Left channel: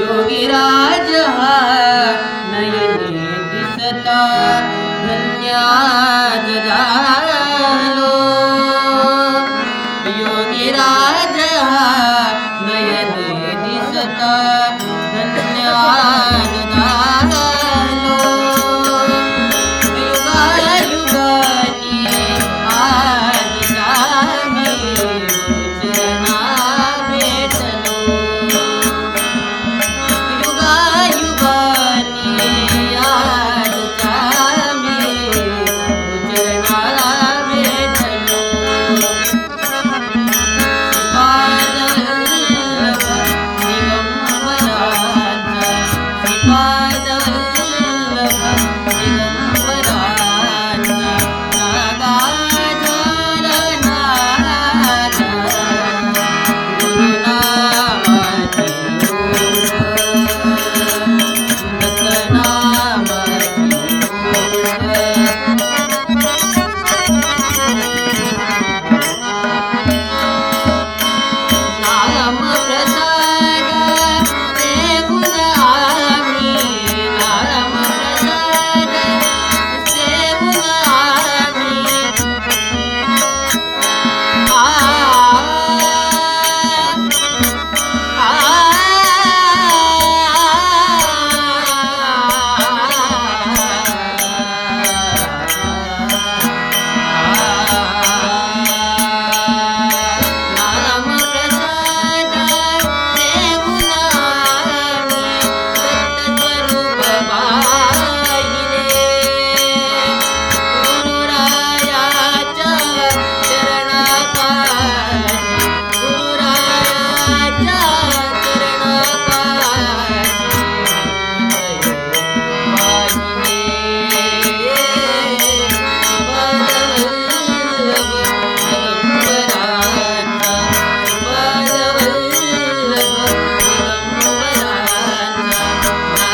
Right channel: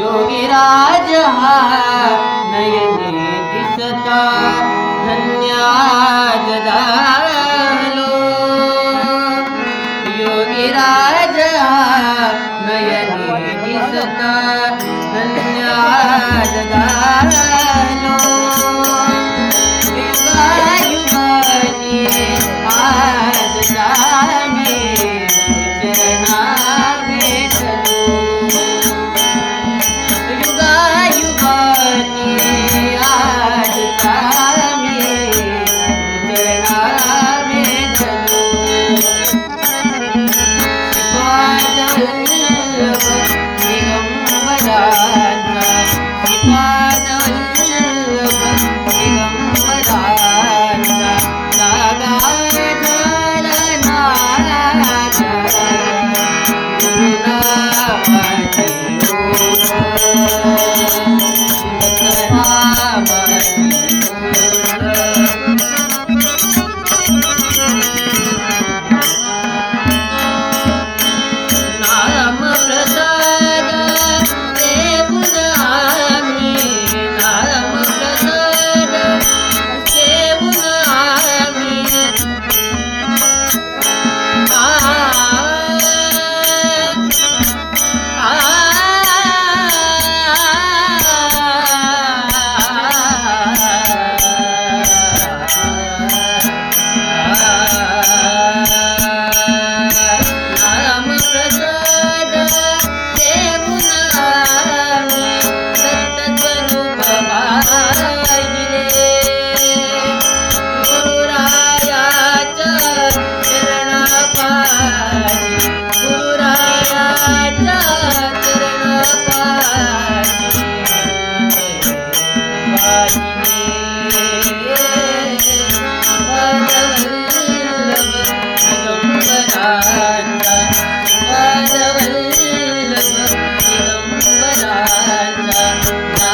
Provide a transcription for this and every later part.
योगीराज हा नयने दिसता धन्याज झालो. योगीराज हा नयने दिसता धन्याज रा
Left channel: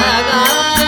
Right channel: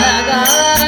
ga